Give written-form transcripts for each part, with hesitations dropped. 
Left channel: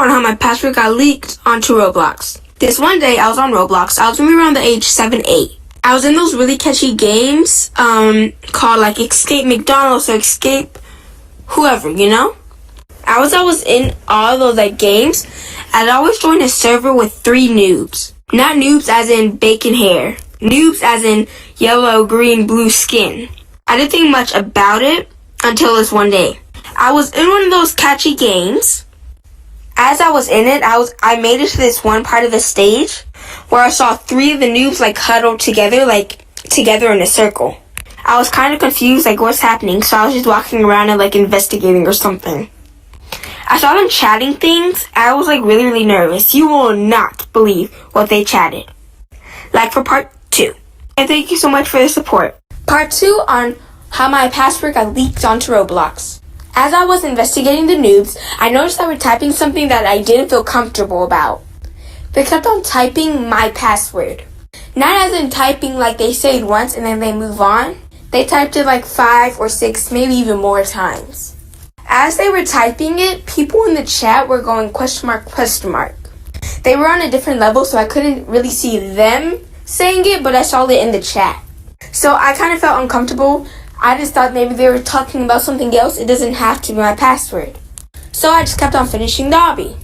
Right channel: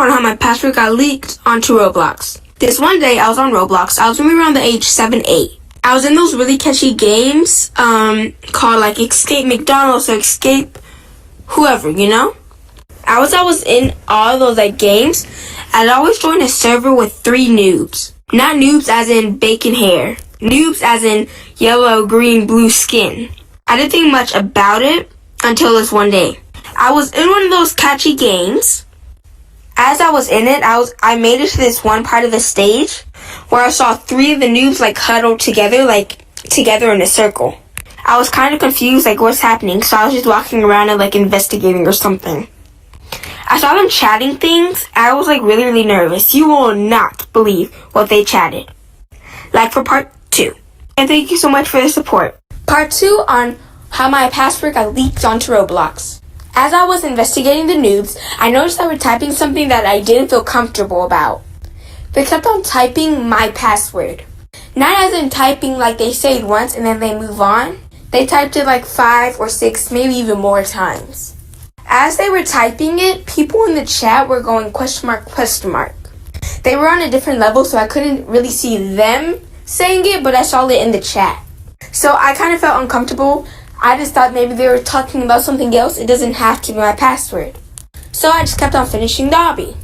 on how my password got leaked onto Roblox. This one day, I was on Roblox. I was maybe around the age 7, 8. I was in those really catchy games called like Escape McDonald's or Escape whoever, you know? I was in all those like games. I'd always join a server with 3 noobs. Not noobs as in bacon hair. Noobs as in yellow, green, blue skin. I didn't think much about it until this one day. I was in one of those catchy games. As I was in it, I made it to this one part of the stage where I saw 3 of the noobs like huddled together in a circle. I was kind of confused, like what's happening, so I was just walking around and like investigating or something. I saw them chatting things. I was like really, really nervous. You will not believe what they chatted. Like for part 2. And thank you so much for the support. Part 2 on how my password got leaked onto Roblox. As I was investigating the noobs, I noticed they were typing something that I didn't feel comfortable about. They kept on typing my password. Not as in typing like they say it once and then they move on. They typed it like 5 or 6, maybe even more times. As they were typing it, people in the chat were going question mark, question mark. They were on a different level, so I couldn't really see them saying it, but I saw it in the chat. So I kind of felt uncomfortable. I just thought maybe they were talking about something else. It doesn't have to be my password. So I just kept on finishing the obby.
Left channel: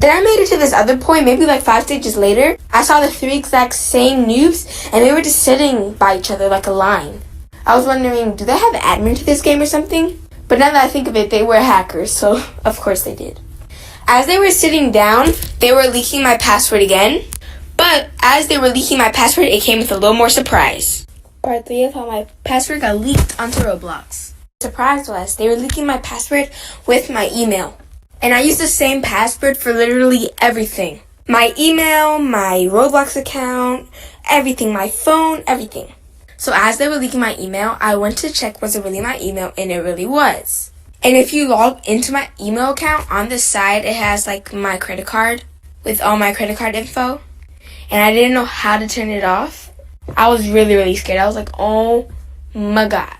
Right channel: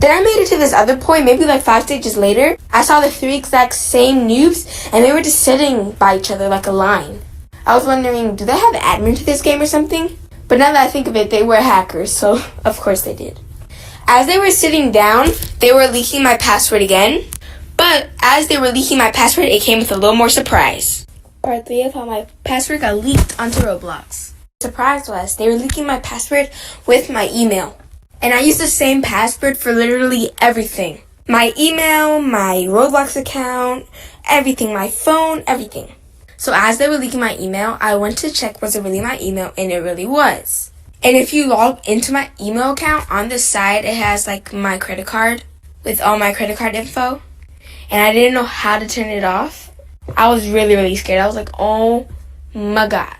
Then I made it to this other point, maybe like 5 stages later. I saw the 3 exact same noobs, and they were just sitting by each other like a line. I was wondering, do they have admin to this game or something? But now that I think of it, they were hackers, so of course they did. As they were sitting down, they were leaking my password again. But as they were leaking my password, it came with a little more surprise. Part 3 of how my password got leaked onto Roblox. The surprise was they were leaking my password with my email. And I used the same password for literally everything. My email, my Roblox account, everything, my phone, everything. So as they were leaking my email, I went to check was it really my email, and it really was. And if you log into my email account, on the side it has like my credit card with all my credit card info. And I didn't know how to turn it off. I was really, really scared. I was like, oh my God.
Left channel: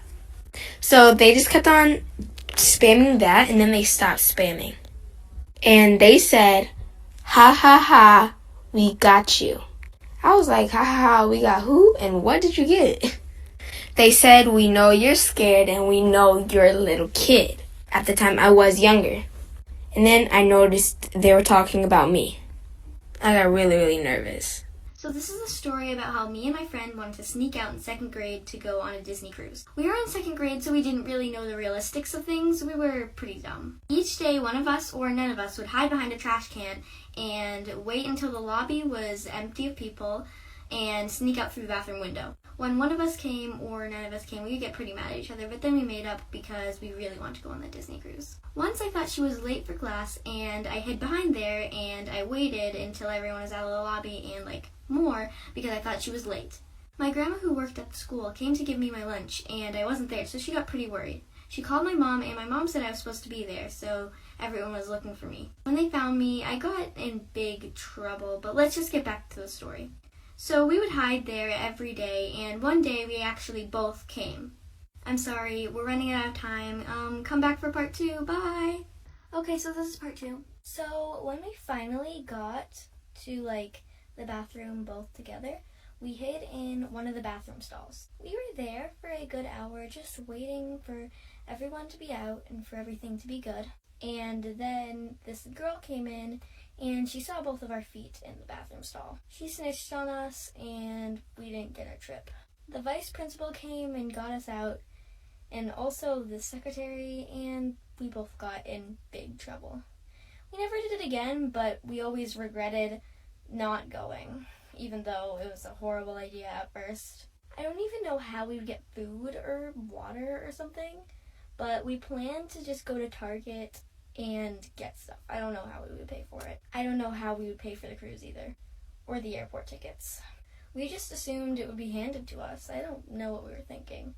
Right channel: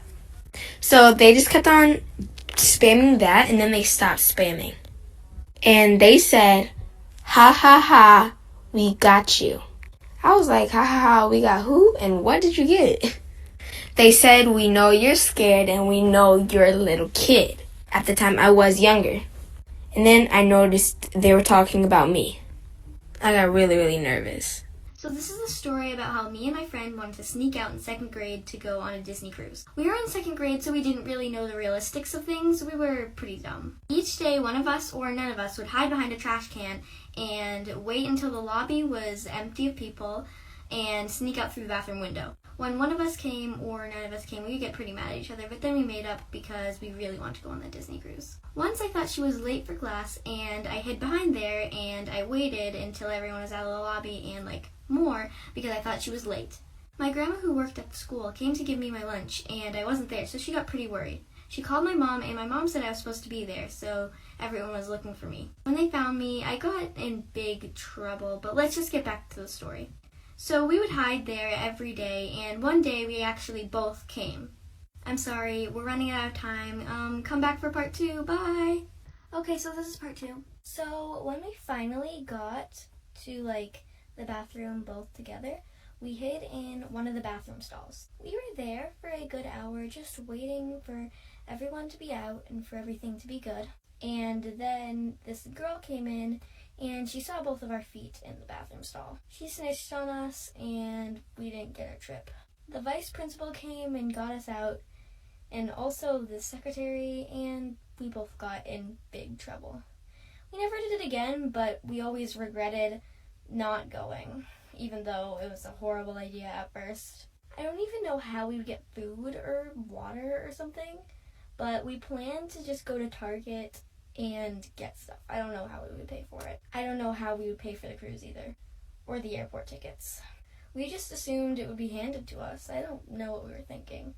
So they just kept on spamming that, and then they stopped spamming. And they said, ha ha ha, we got you. I was like, ha ha ha, we got who? And what did you get? They said, we know you're scared and we know you're a little kid. At the time, I was younger. And then I noticed they were talking about me. I got really, really nervous. So this is a story about how me and my friend wanted to sneak out in 2nd grade to go on a Disney cruise. We were in 2nd grade, so we didn't really know the realistics of things. We were pretty dumb. Each day, one of us or none of us would hide behind a trash can and wait until the lobby was empty of people and sneak out through the bathroom window. When one of us came or none of us came, we would get pretty mad at each other, but then we made up because we really wanted to go on the Disney cruise. Once I thought she was late for class, and I hid behind there, and I waited until everyone was out of the lobby and more because I thought she was late. My grandma, who worked at the school, came to give me my lunch, and I wasn't there, so she got pretty worried. She called my mom, and my mom said I was supposed to be there, so everyone was looking for me. When they found me, I got in big trouble, but let's just get back to the story. So we would hide there every day, and one day we actually both came. I'm sorry, we're running out of time. Come back for part 2. Bye! Okay, so this is part 2. So when we finally got to, the bathroom both together, we hid in one of the bathroom stalls. We were there for a good hour, just waiting for everyone to be out and for everything to be good. And then this girl came in, and she saw both of our feet in the bathroom stall. She snitched on us, and we didn't get our trip. The vice principal came and got us out, and also the secretary, and we both got in big trouble. We never did it again, but we always regretted not going, even though it was a horrible idea at first. I don't even know how we would get food or water or something, but we planned to just go to Target and get stuff. I don't know how we would pay for it. I don't know how we would pay for the cruise either, or the airport tickets. We just assumed it would be handed to us. I don't know what we were thinking.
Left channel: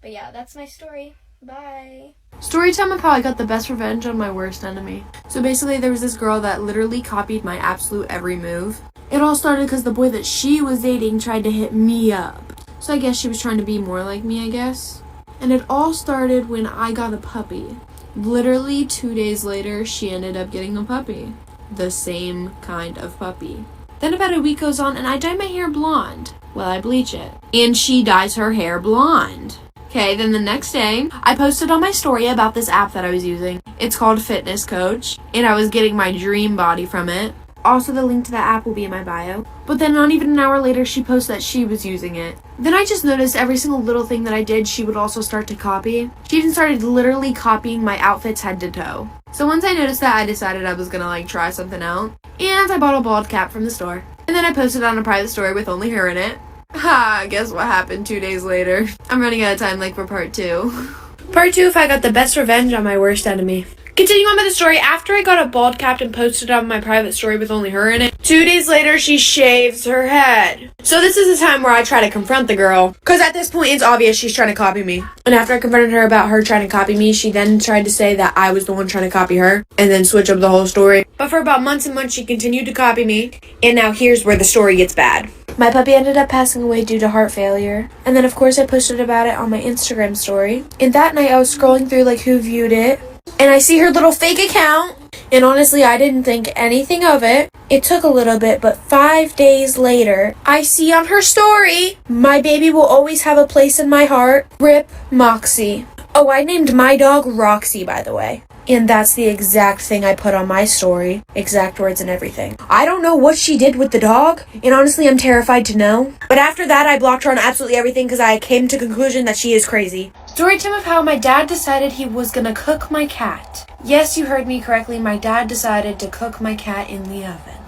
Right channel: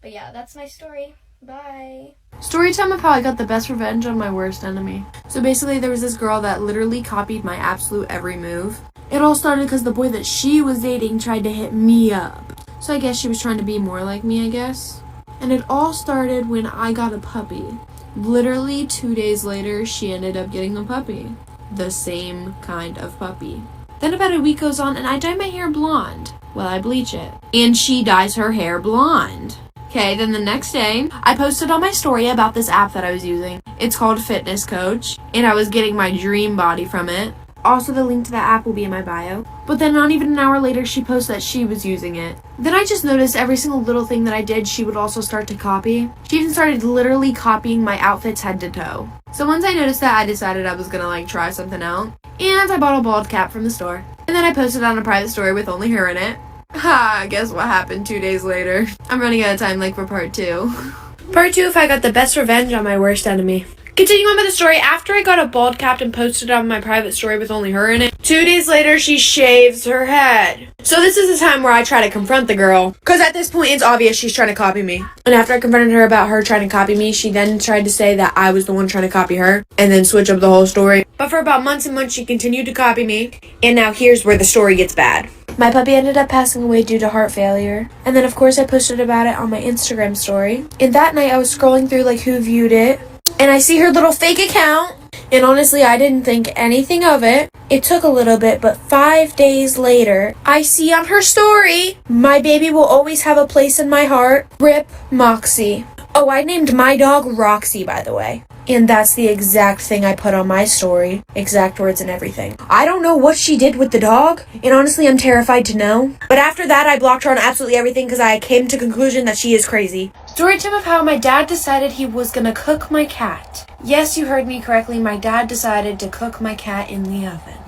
But yeah, that's my story. Bye. Story time of how I got the best revenge on my worst enemy. So basically there was this girl that literally copied my absolute every move. It all started because the boy that she was dating tried to hit me up. So I guess she was trying to be more like me, I guess. And it all started when I got a puppy. Literally 2 days later, she ended up getting a puppy. the same kind of puppy. Then about a week goes on and I dye my hair blonde. Well, I bleach it. And she dyes her hair blonde. Okay, then the next day, I posted on my story about this app that I was using. It's called Fitness Coach, and I was getting my dream body from it. Also, the link to that app will be in my bio. But then not even an hour later, she posted that she was using it. Then I just noticed every single little thing that I did, she would also start to copy. She even started literally copying my outfits head to toe. So once I noticed that, I decided I was gonna try something out. And I bought a bald cap from the store. And then I posted on a private story with only her in it. Ha, guess what happened 2 days later? I'm running out of time for part 2. Part 2, if I got the best revenge on my worst enemy. Continuing on with the story, after I got a bald cap and posted on my private story with only her in it, 2 days later she shaves her head. So this is the time where I try to confront the girl, because at this point it's obvious she's trying to copy me. And after I confronted her about her trying to copy me, she then tried to say that I was the one trying to copy her, and then switch up the whole story. But for about months and months she continued to copy me, and now here's where the story gets bad. My puppy ended up passing away due to heart failure. And then of course I posted about it on my Instagram story. And that night I was scrolling through who viewed it. And I see her little fake account. And honestly, I didn't think anything of it. It took a little bit, but 5 days later, I see on her story, "My baby will always have a place in my heart. Rip Moxie." Oh, I named my dog Roxy, by the way. And that's the exact thing I put on my story. Exact words and everything. I don't know what she did with the dog, and honestly, I'm terrified to know. But after that, I blocked her on absolutely everything because I came to conclusion that she is crazy. Story time of how my dad decided he was gonna cook my cat. Yes, you heard me correctly. My dad decided to cook my cat in the oven.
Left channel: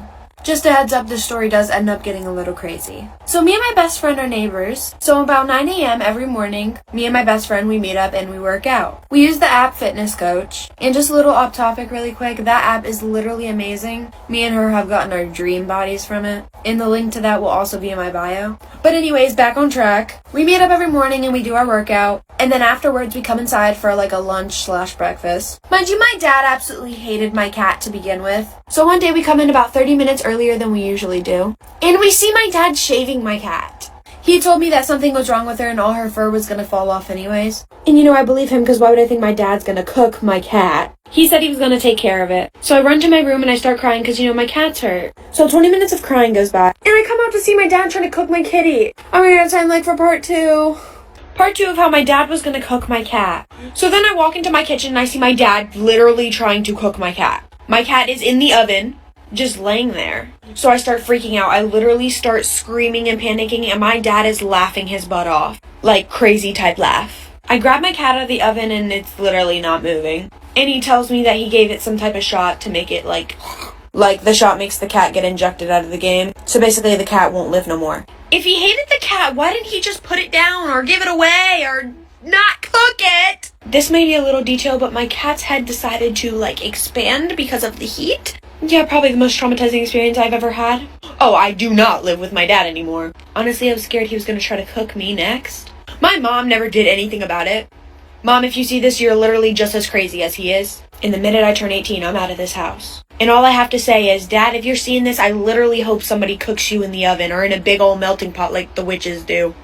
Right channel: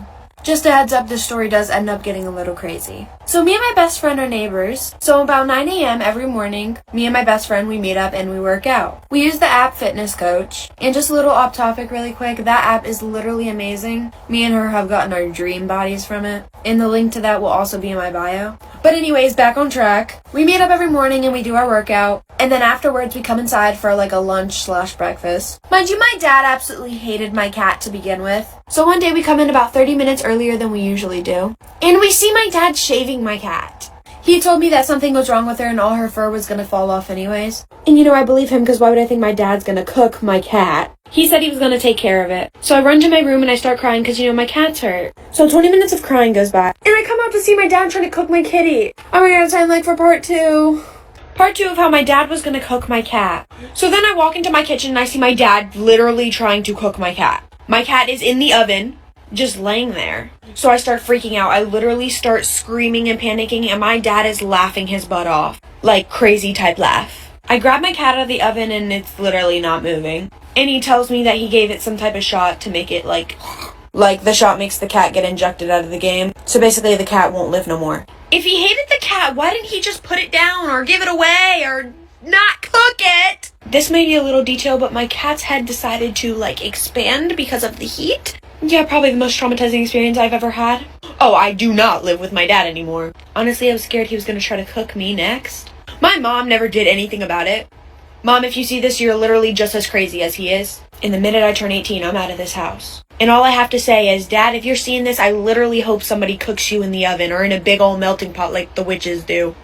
Just a heads up, this story does end up getting a little crazy. So me and my best friend are neighbors. So about 9 a.m. every morning, me and my best friend, we meet up and we work out. We use the app Fitness Coach. And just a little off topic really quick, that app is literally amazing. Me and her have gotten our dream bodies from it. And the link to that will also be in my bio. But anyways, back on track. We meet up every morning and we do our workout. And then afterwards we come inside for a lunch/breakfast. Mind you, my dad absolutely hated my cat to begin with. So one day we come in about 30 minutes earlier than we usually do. And we see my dad shaving my cat. He told me that something was wrong with her and all her fur was gonna fall off anyways. And I believe him because why would I think my dad's gonna cook my cat? He said he was gonna take care of it. So I run to my room and I start crying because my cat's hurt. So 20 minutes of crying goes by. And I come out to see my dad trying to cook my kitty. I'm running out of time for part 2. Part 2 of how my dad was gonna cook my cat. So then I walk into my kitchen and I see my dad literally trying to cook my cat. My cat is in the oven, just laying there. So I start freaking out. I literally start screaming and panicking and my dad is laughing his butt off. Crazy type laugh. I grab my cat out of the oven and it's literally not moving. And he tells me that he gave it some type of shot to make it like the shot makes the cat get injected out of the game. So basically the cat won't live no more. If he hated the cat, why didn't he just put it down or give it away or not cook it? This may be a little detail, but my cat's head decided to expand because of the heat. Yeah, probably the most traumatizing experience I've ever had. Oh, I do not live with my dad anymore. Honestly, I was scared he was gonna try to cook me next. My mom never did anything about it. Mom, if you see this, you're literally just as crazy as he is. And the minute I turn 18, I'm out of this house. And all I have to say is, Dad, if you're seeing this, I literally hope somebody cooks you in the oven or in a big old melting pot like the witches do.